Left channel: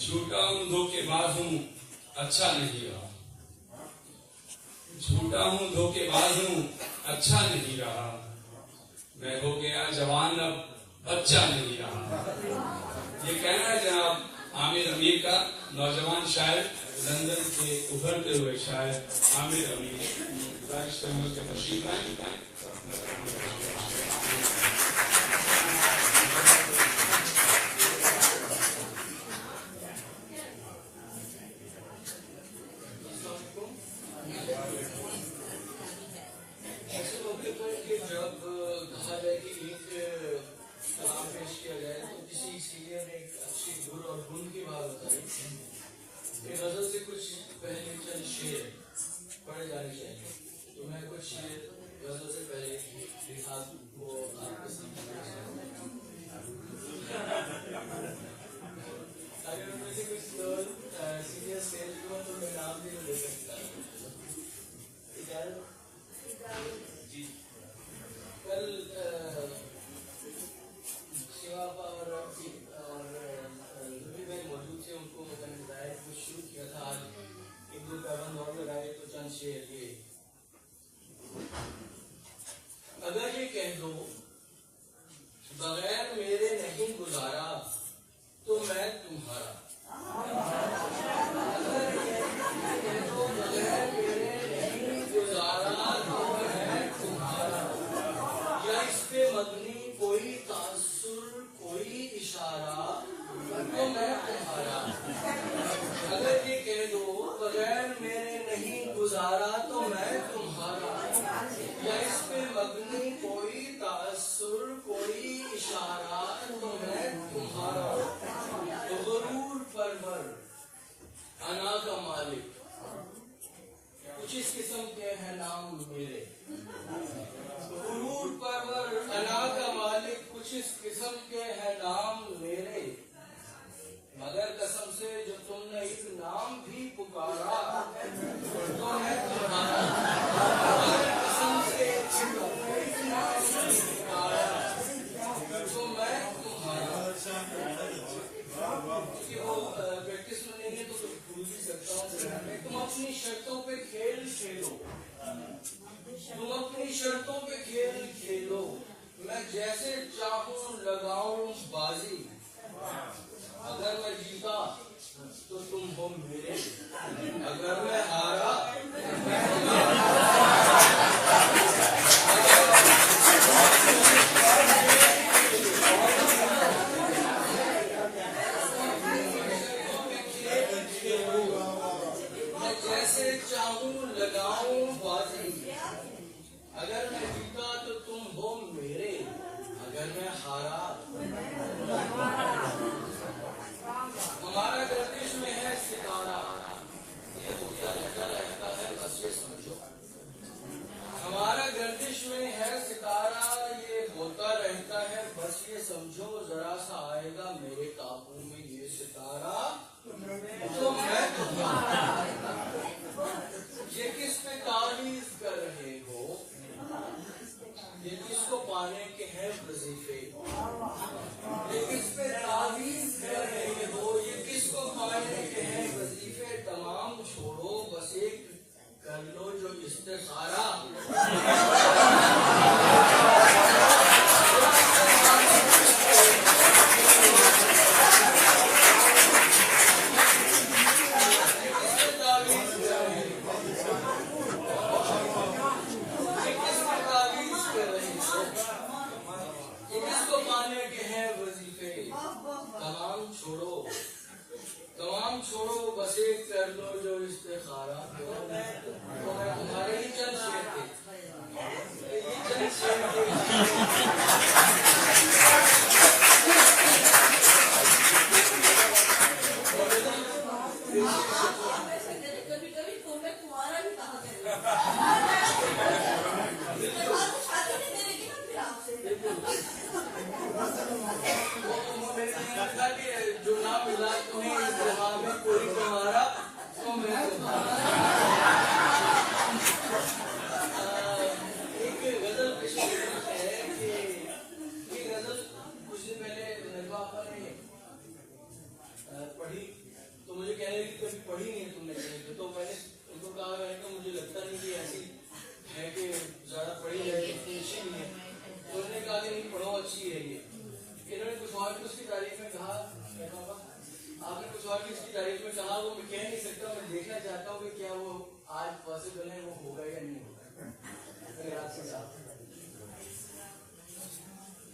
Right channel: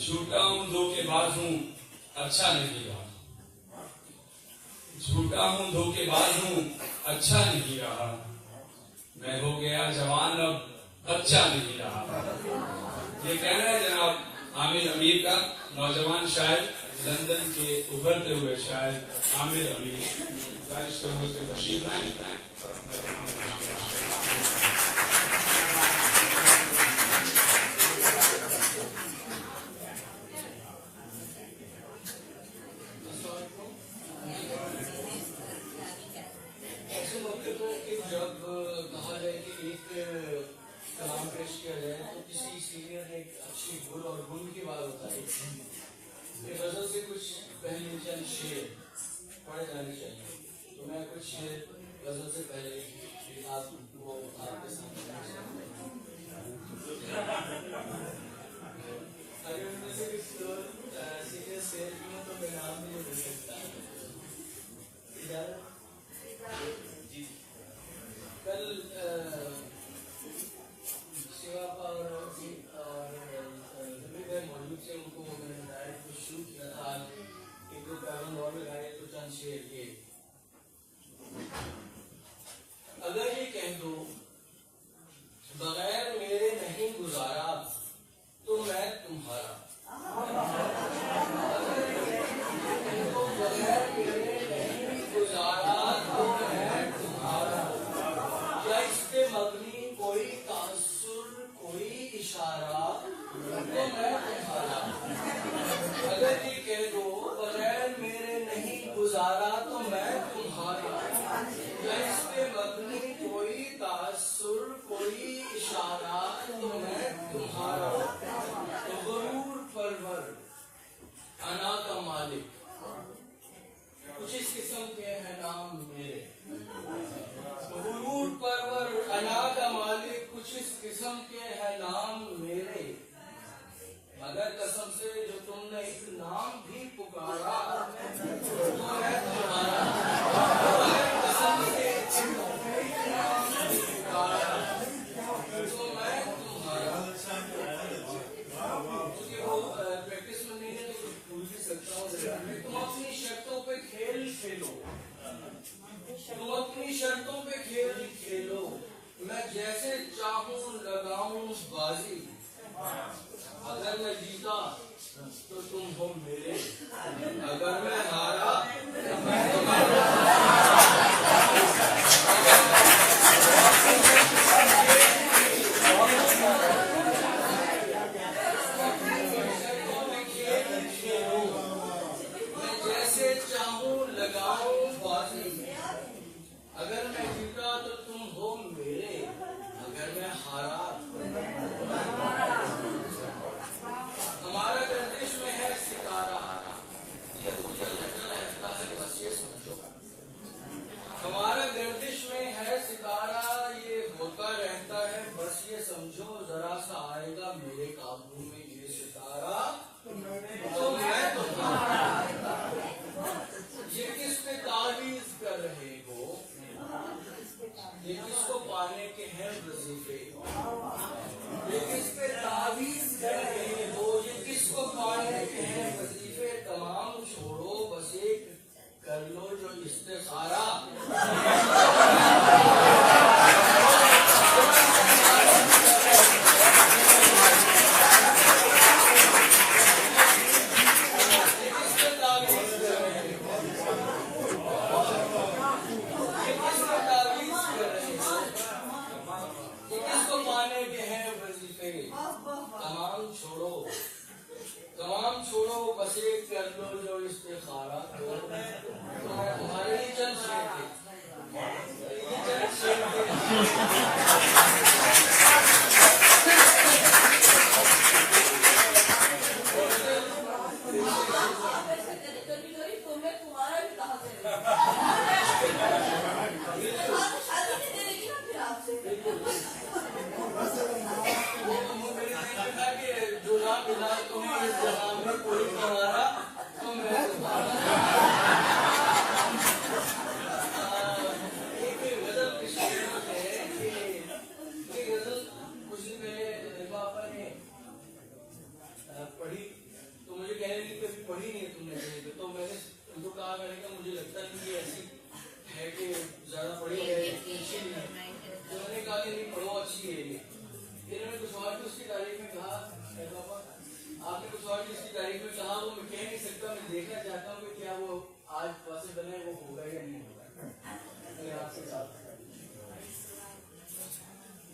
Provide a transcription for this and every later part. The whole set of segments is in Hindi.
झूठा हूँ धोखेबाज हूँ अच्छा नहीं रहा, झूठा हूँ धोखेबाज हूँ अच्छा नहीं रहा, मैं हो गया जवान अब बच्चा नहीं रहा। ये कहना है जनाब आमिर अमीर का, नौजवान शायर, लंदन के उभरते हुए शायर आमिर अमीर। तशरीफ लाएं।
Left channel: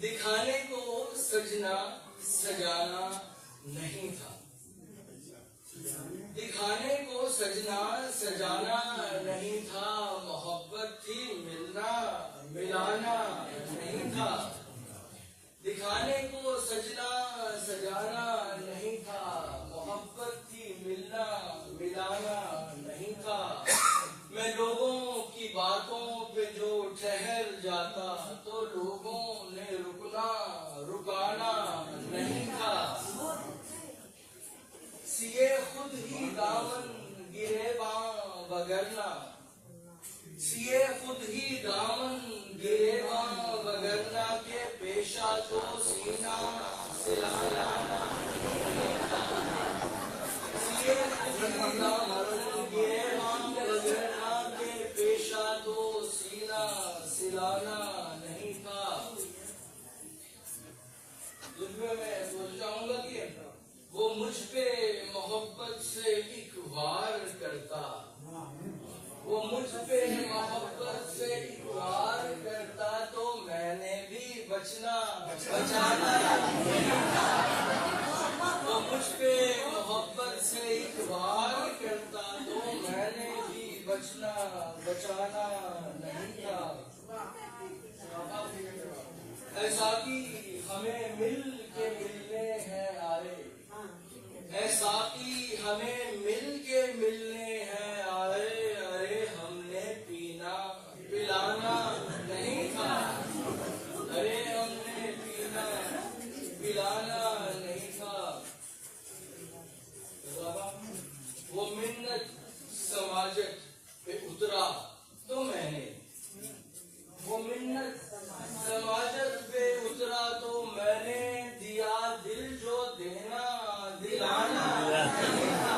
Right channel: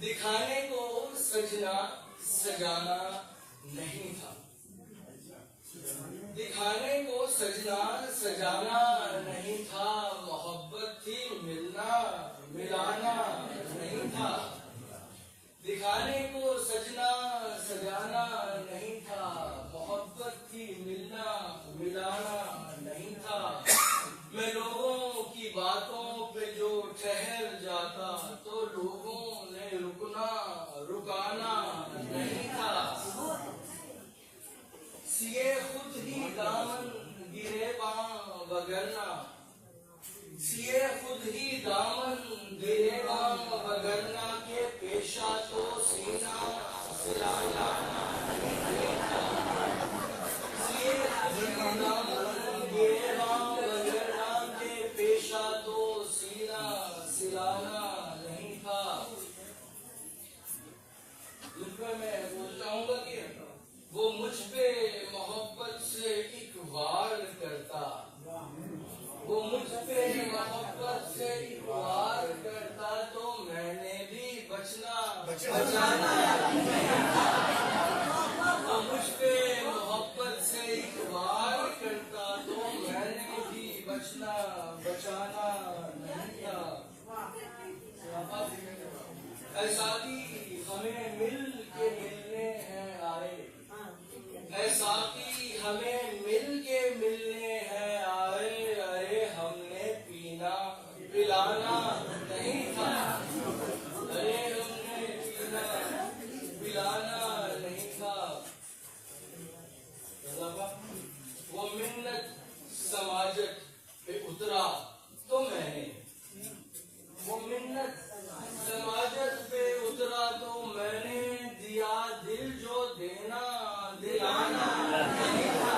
दिखाने को सजना सजाना नहीं था, दिखाने को सजना सजाना नहीं था, मोहब्बत थी मिलना मिलाना नहीं था। दिखाने को सजना सजाना नहीं था, मोहब्बत थी मिलना मिलाना नहीं था। मैं लोगों की बातों पे जो ठहर जाता तो लोगों ने रुकना रुकाना नहीं था। सिए खुद ही दामन गिरेबां वगरना, सिए खुद ही दामन गिरेबां वगरना के पेशा तो सीना सिलाना नहीं था। सिए खुद ही दामन गिरेबां वगरना के पेशा तो सीना सिलाना नहीं था। तुझमें मैं बोल जाऊंगा कि वो मुझ पे मोहब्बत से एक वार करता, वो मुझ पे मोहब्बत से एक वार करता तो मैंने भी बचना बचाना नहीं था। वो मुझ पे मोहब्बत से एक वार करता तो मैंने भी बचना बचाना नहीं था। ऐसा कि हमें मिल के मिलने हैं आए, ऐसा कि हमें मिल के मिलने हैं आए, अरे हमने पीना पिलाना नहीं था, अरे हमने पीना पिलाना नहीं था। वो मिन्नत समाजत पे उतरा तो मैंने, वो मिन्नत समाजत पे उतरा तो मैंने दिया दिल जो देना दिलाना नहीं था।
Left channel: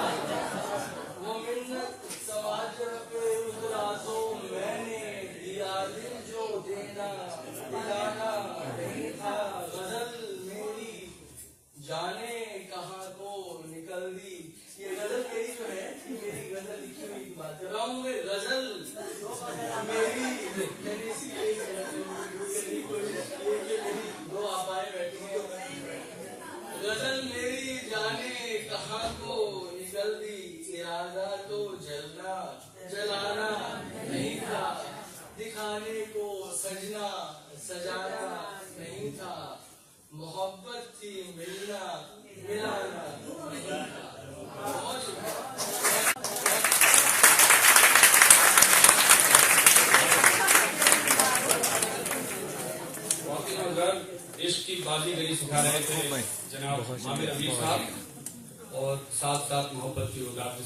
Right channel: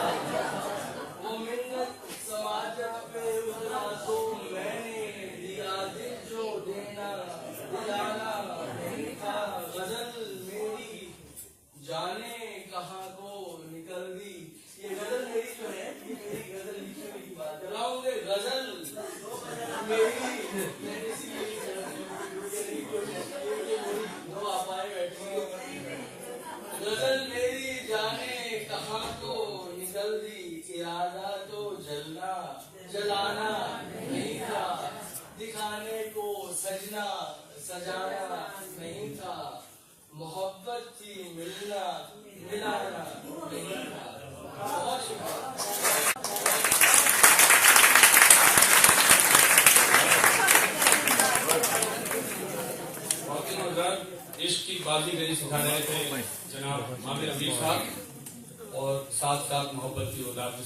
वो मिन्नत समाजत पे उतरा तो मैंने दिया दिल जो देना दिलाना नहीं था। गजल मेरी जाने कहाँ को निकल दी, ये गजल मेरी जो है, ये मेरी गजल लिखी हुई बात कर रहा हूँ। गजल मेरी दो आपाए बैठे हैं। गजल मेरी जाने कहाँ को निकल दी, इरादा तो जलना जलाना नहीं था। दिखाने को सजना सजाना नहीं था, मोहब्बत थी मिलना मिलाना नहीं था। बहुत इश्क की बाजीगरी सिखा रहे थे जनाब आमिर रफीक साहब, और साथ साथ मोहब्बत की उदाहरण।